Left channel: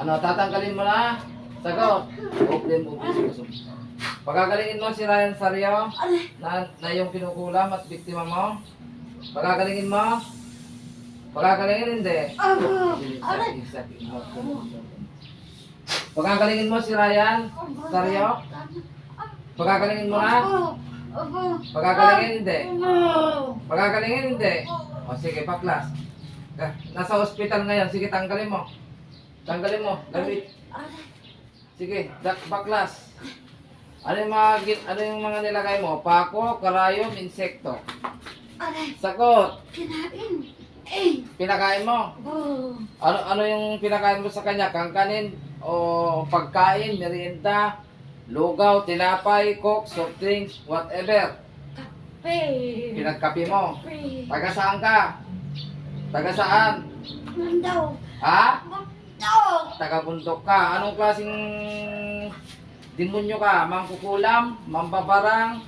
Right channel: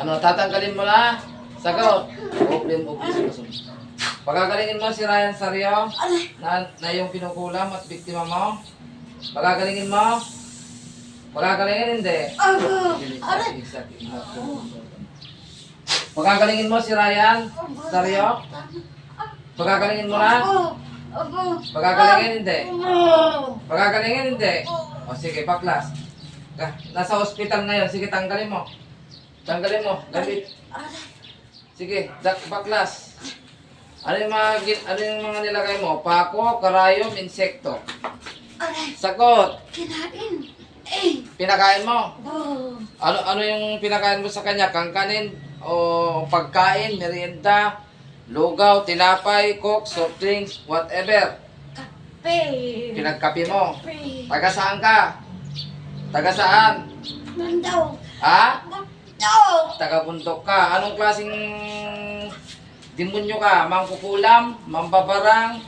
Ano, tatanggalin mo na? Sagot. Open mo. Pagagalingin mo si Ryan Sario na, na yung pinukulam at biktima mo. Pagagalingin mo. Pagagalingin hindi. Isa. Pagagalingin mo si Ryan Sario. Pagagalingin mo na. Pagagalingin hindi. Pagagalingin hindi. O sige, baklas. Ah, Nasa hospital ngayon. Sige, tanggalin mo. Tanggalin mo. Gamit. Sige, dak baklas. Ano yung mga ano yung mga nilagay mo? Pako, karayom, insekto. Aray, Sagot. kinain. Eh, Pinakain mo. oh. Ano ano yung pinakain mo sa kanya? Kangkanin o pagkain, merienda, lugaw, tinapay, coke, soft drinks, whatever. Kape. Pinagkapi mo. Kape. Taga saan ka? Taga saan? Mandaw. Ha? Mandaw. Taga bundok ka. Anong klaseng demonyo ka? Mangkukulam, mambabarang,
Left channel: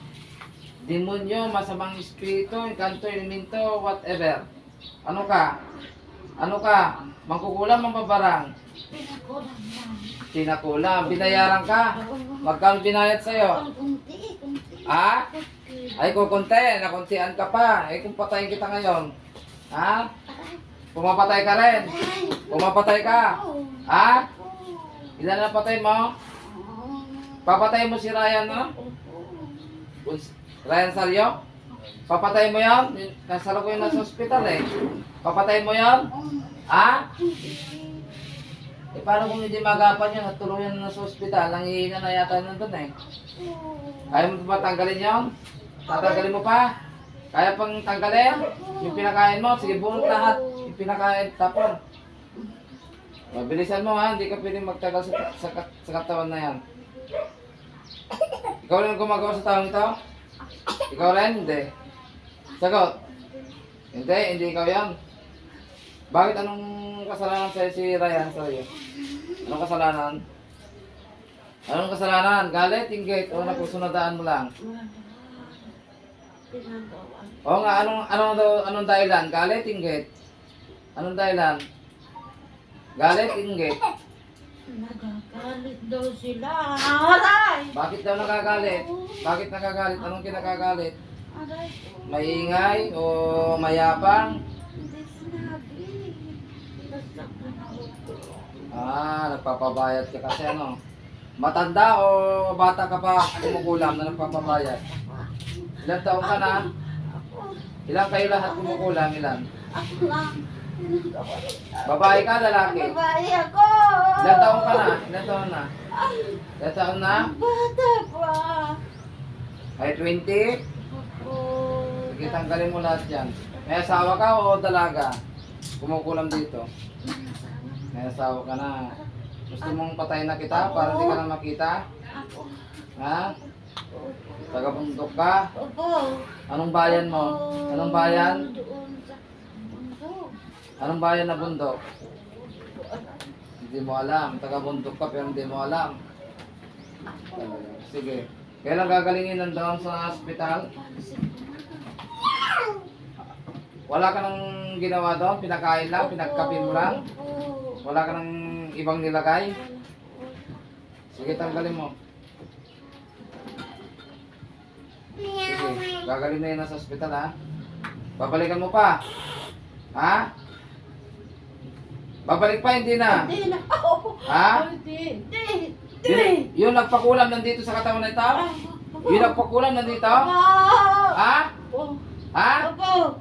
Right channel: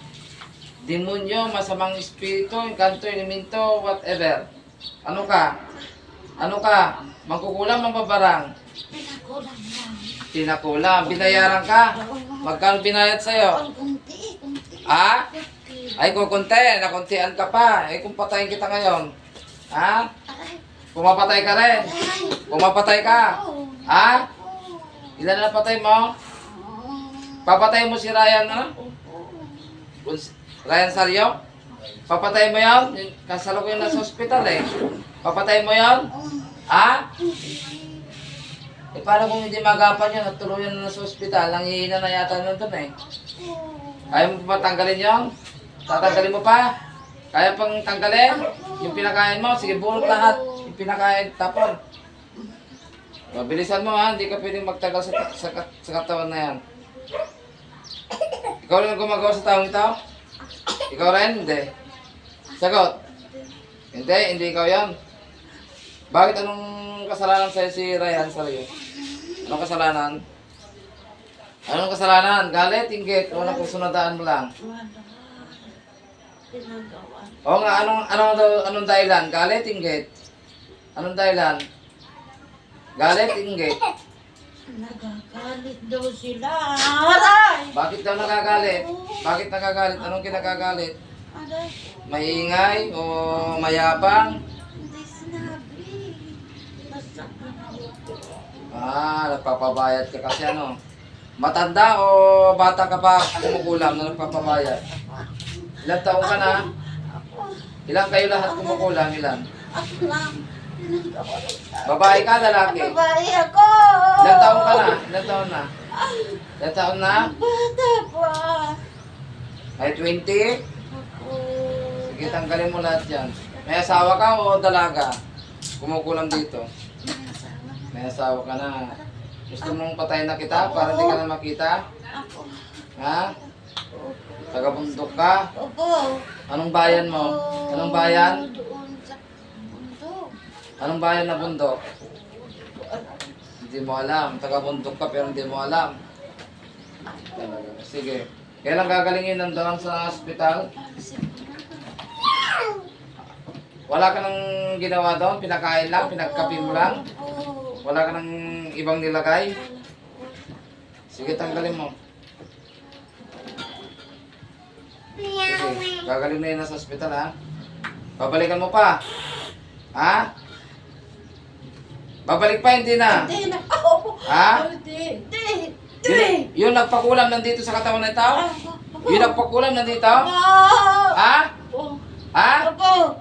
demonyo, masamang espiritu, encanto, elemento, whatever. Ano ka? Ano ka? Mangkukulam, mambabarang, Pinakulang lang. pinakulam, binayaran ka. Magkano binayad sa'yo? Kunti, kunti. Ha? Ay, kukunti, nakuntian ka pa. Eh, kung patayin kita ngayon. Ha? Aray, Pumapatay ka rin. Pumapatay ka. Ha? Ilan na patay mo? Papatay mo si Ryan, ano? Ryan Sario? Papatay mo yan? Kasalo ko yun nasa hospital eh. Papatay mo yan? Ha? Eh paano kung hindi magapan yan at tuluyan na nasa hospital? Nangihina na yata nun dun eh. Kaya mo pa tanggalin yan? Tatanggalin mo pa? Kaya pang tanggalin? Yung pinakain mo? Sige, bunot lahat. Yung pinakain, tapon. Mabilisan mo ha, hindi ka pwedeng magtagal sa, sa, sa katawan na yan. Ikaw rin ang gumagawa sa taong ito? Ikaw rin? Hindi. Sagot. Hindi, hindi ikaw yan. Bakit anong kasalanan sa'yo si Ryan Sario? Anong kasalanan? Anong kasalanan? Galit, inggit, o nakusunadaan mo lang? Oo nga, anong, anong, anong dahilan? Galit, inggit? Anong dahilan? Galit, inggit? Nagagalit daw sila. Aray! Bakit daw nagagalit? Bakit nagagalit? Anong kinagagalit? Aray! Maingay o mayabang? Hindi sinabi. Basta Ah, nagpapabayad ka kasi ano? Matanda o bata ka pa kumukulam na nagpapabayad? Ilan taong ka na? Ilan kayo lahat kumukulam? Ilan? Ako lang. Babae ka, lalaki? Babae ako! Ilan taong ka na? Ilan taon na? Ilan taon na? Bata pa. Ay, 20? Ako. Sige, tanggalin mo lahat yan. May asawa ka o dalaga? Kumukulam dito. May asawa ka na. Gusto mong patayin na kita para hindi ka na makita? Ako. Ha? Tagabundok ka? Opo. Anong bayan mo? Anong bayan? Doon sa. Anong bayan na bundok? Hindi mo alam. Taga-bundok ka pero hindi mo alam. Sige. Kailan gagalingin nandoon sa ospital? Wala ka nang ginawa doon? Pinakain lang? Pinagkapi mo lang? Wala ka nang ibang nilagay? Sige, tanggalin mo. Sige, gagaling na yun nasa ospital ha. Babalikan mo pa. Ha? Babalik pa, hindi na. Hindi na. Opo. Ha? Hindi. Hindi. Yun, Hindi. yun nagpakulam nandito sa katawan ng tao? Yun nagpakulam nandito? Ha? Opo. Ha? Opo.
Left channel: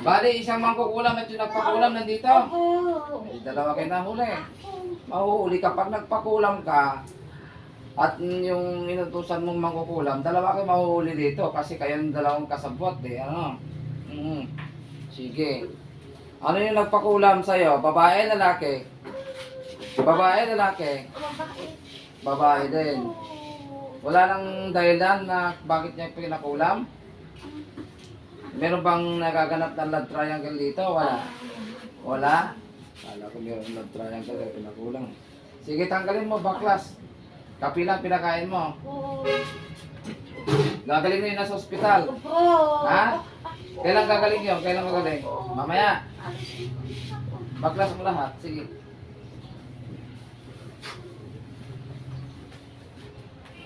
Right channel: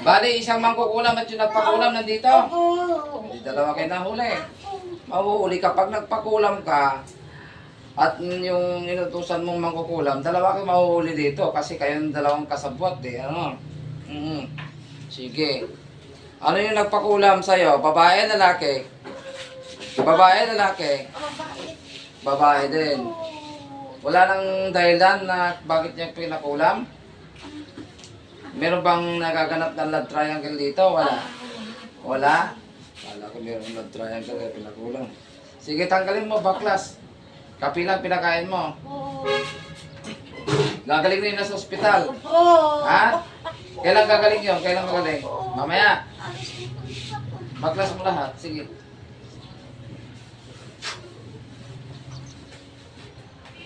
Bali, isang mangkukulam at yung nagpakulam nandito? Opo. Eh, dalawa kayo nahuli. Mahuhuli kapag nagpakulam ka at yung inutusan mong mangkukulam, dalawa kayo mahuhuli dito kasi kayo ng dalawang kasabwat eh. Ano? Mhm. Sige. Ano yung nagpakulam sa'yo? Babae, lalaki? Babae, lalaki? Babae. Babae din. Wala nang dahilan na bakit niya pinakulam? Meron bang nagaganap ng love triangle dito? Wala. Wala? Kala ko meron love triangle kaya pinakulang. Sige, tanggalin mo, baklas. Kapilang pinakain mo. Gagaling na yun nasa ospital. Ha? Kailan gagaling yun? Kailan gagaling? Mamaya. Baklas mo lahat. Sige.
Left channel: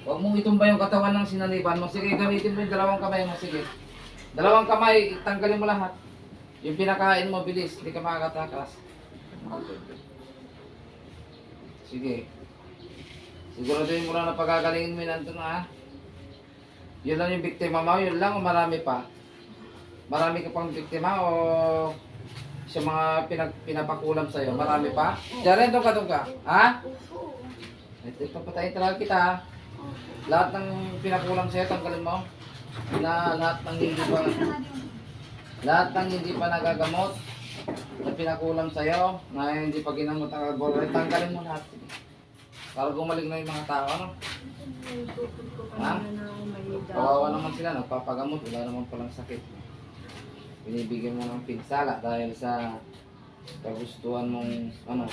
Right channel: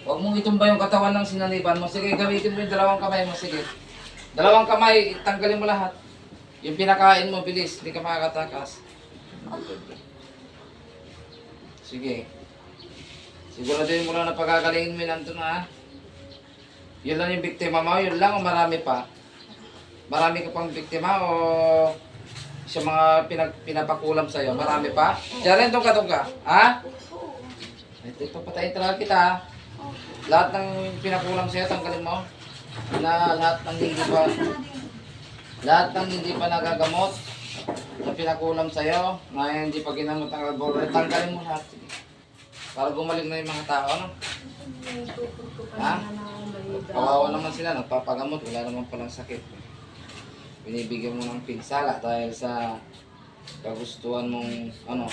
Huwag mong itumba yung katawan ng sinaniban mo. Sige, gamitin mo yung dalawang kamay mo. Sige. Dalawang kamay, tanggalin mo lahat. Yung pinakain mo, bilis. Hindi ka makakatakas. Sige. Siguro Siguraduhin mo lang na pagagalingin mo nandun na ha. Yun lang yung biktima mo. Yun lang o marami pa. Marami ka pang biktima o sa mga pinag, pinapakulam sa'yo? Marami pa? Diyan ka, doon ka. Ha? Ito, ipapatayin talaga kita. ha? Lahat ng pinakulam sa'yo, tanggalin mo. Na lahat ng hindi pa lahat ng hindi pa nagagamot na pinakulam sa'yo, na hindi pa ginamot ang laboratory, tanggalin mo lahat. Para gumaling na yung mga tao, no? Ha? Kawawa naman sila, nagpapagamot, wala naman palang sakit. Binibigyan mo ng pinsala dahil sa kagustuhan mong, ano,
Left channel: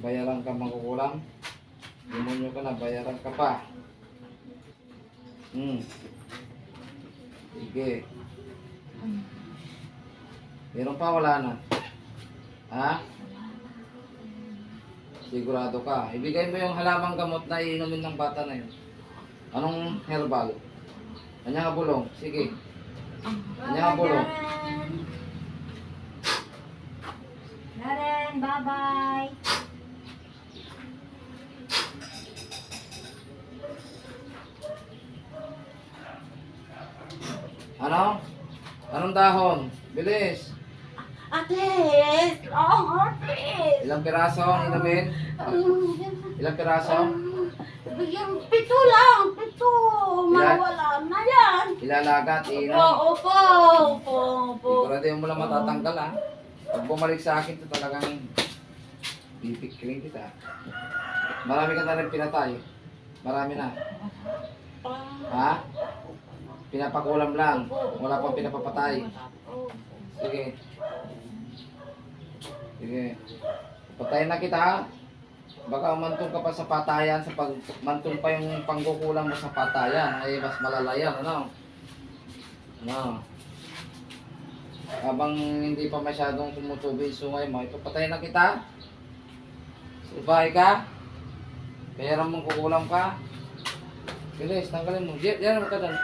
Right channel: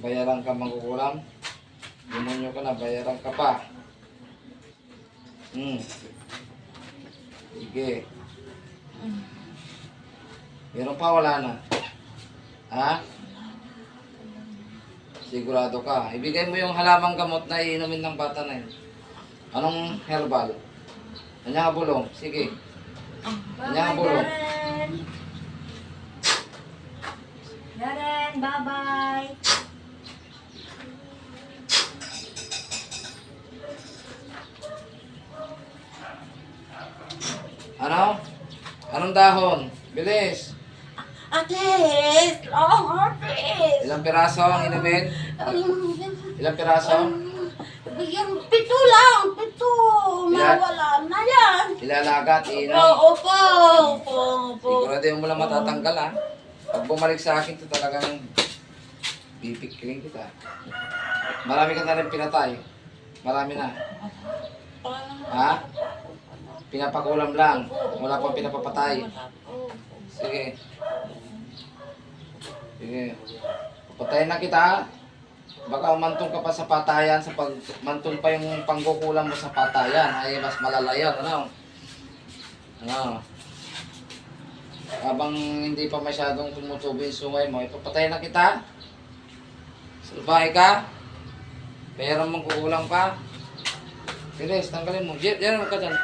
bayaran ka mangkukulam. Demonyo ka na, bayaran ka pa. Hmm. Sige. Meron pa, wala na. Ha? Sigurado ka. Ibigay mo yung halamang gamot na iinumin ng bata na yun. Anong herbal? Kanya bulong. Sige. Kanya bulong. Darren, bye-bye. Ano? Anong dahon? Bilis. Atis! Oh, atis! Ilang piraso ang inumin? Ilang piraso? Yung pito lang, pito. Mawala na yan. Ilalagat, iinom. Oo po, opo, opo. Sigurado mo lang matatanggal ha. Pag bumalik sa akin, ito talagang pipikling kita. Marami ka na rin pinatay. Marami na. Ha? Pinapakulam lang. Wala pang pinapapatay. Sige. Sige. Patayin na kita. Baka umantong ka pa sa patayan, sa pag mantong pa yung pangkukulang mo sa patayan, ay mas malala yan, ano? Ano? Habang hindi pa masyadong tumutubo yung sungay mo, ipapatayin na kita. Salbahe ka. Mayroon mong kukulang ka. Bilis, tanggalin mo. Diyan, huwag ka dyan.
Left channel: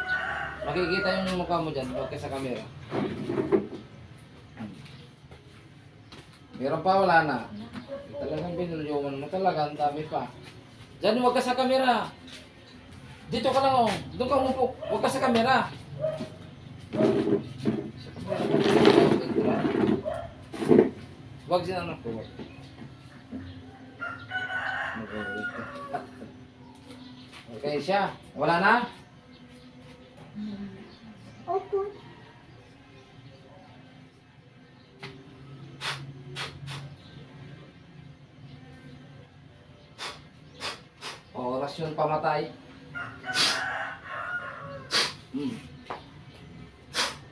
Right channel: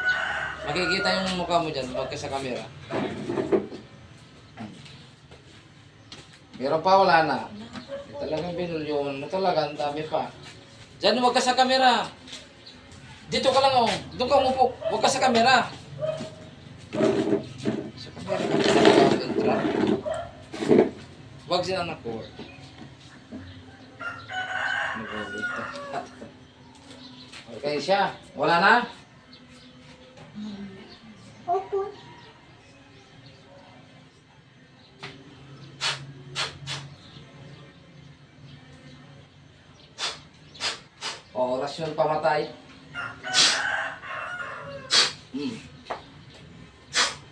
Makikita yung mukha mo dyan, huwag ka sa camera. Meron pa, wala na. Talagang binulyoman mo talaga, ang dami pa. Diyan, huwag ka sa camera. Dito ka lang, oh. Doon ka umupo. Huwag ka sa camera. Sa camera ka Huwag sila anak ko. Nag-wait. Okay siya. Wala na? O, orasyon pamatay. Hmm.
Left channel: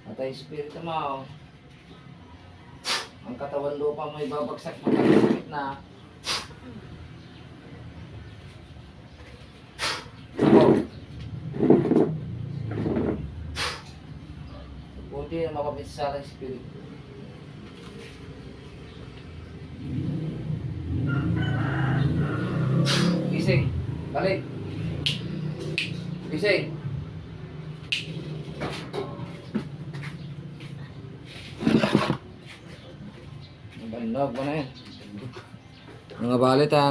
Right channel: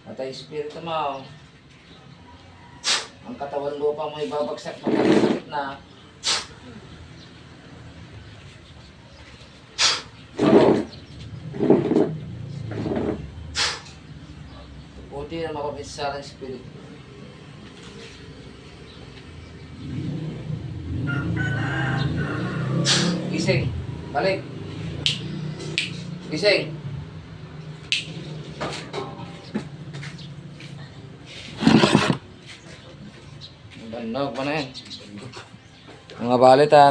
Patay espiritu mo. Ang katawan lupa mo ibabagsak magkakasakit na. Buti na mapapisa ng espiritu. Gising. Balik. Gising. Banog mo na yan. Mga balit ha,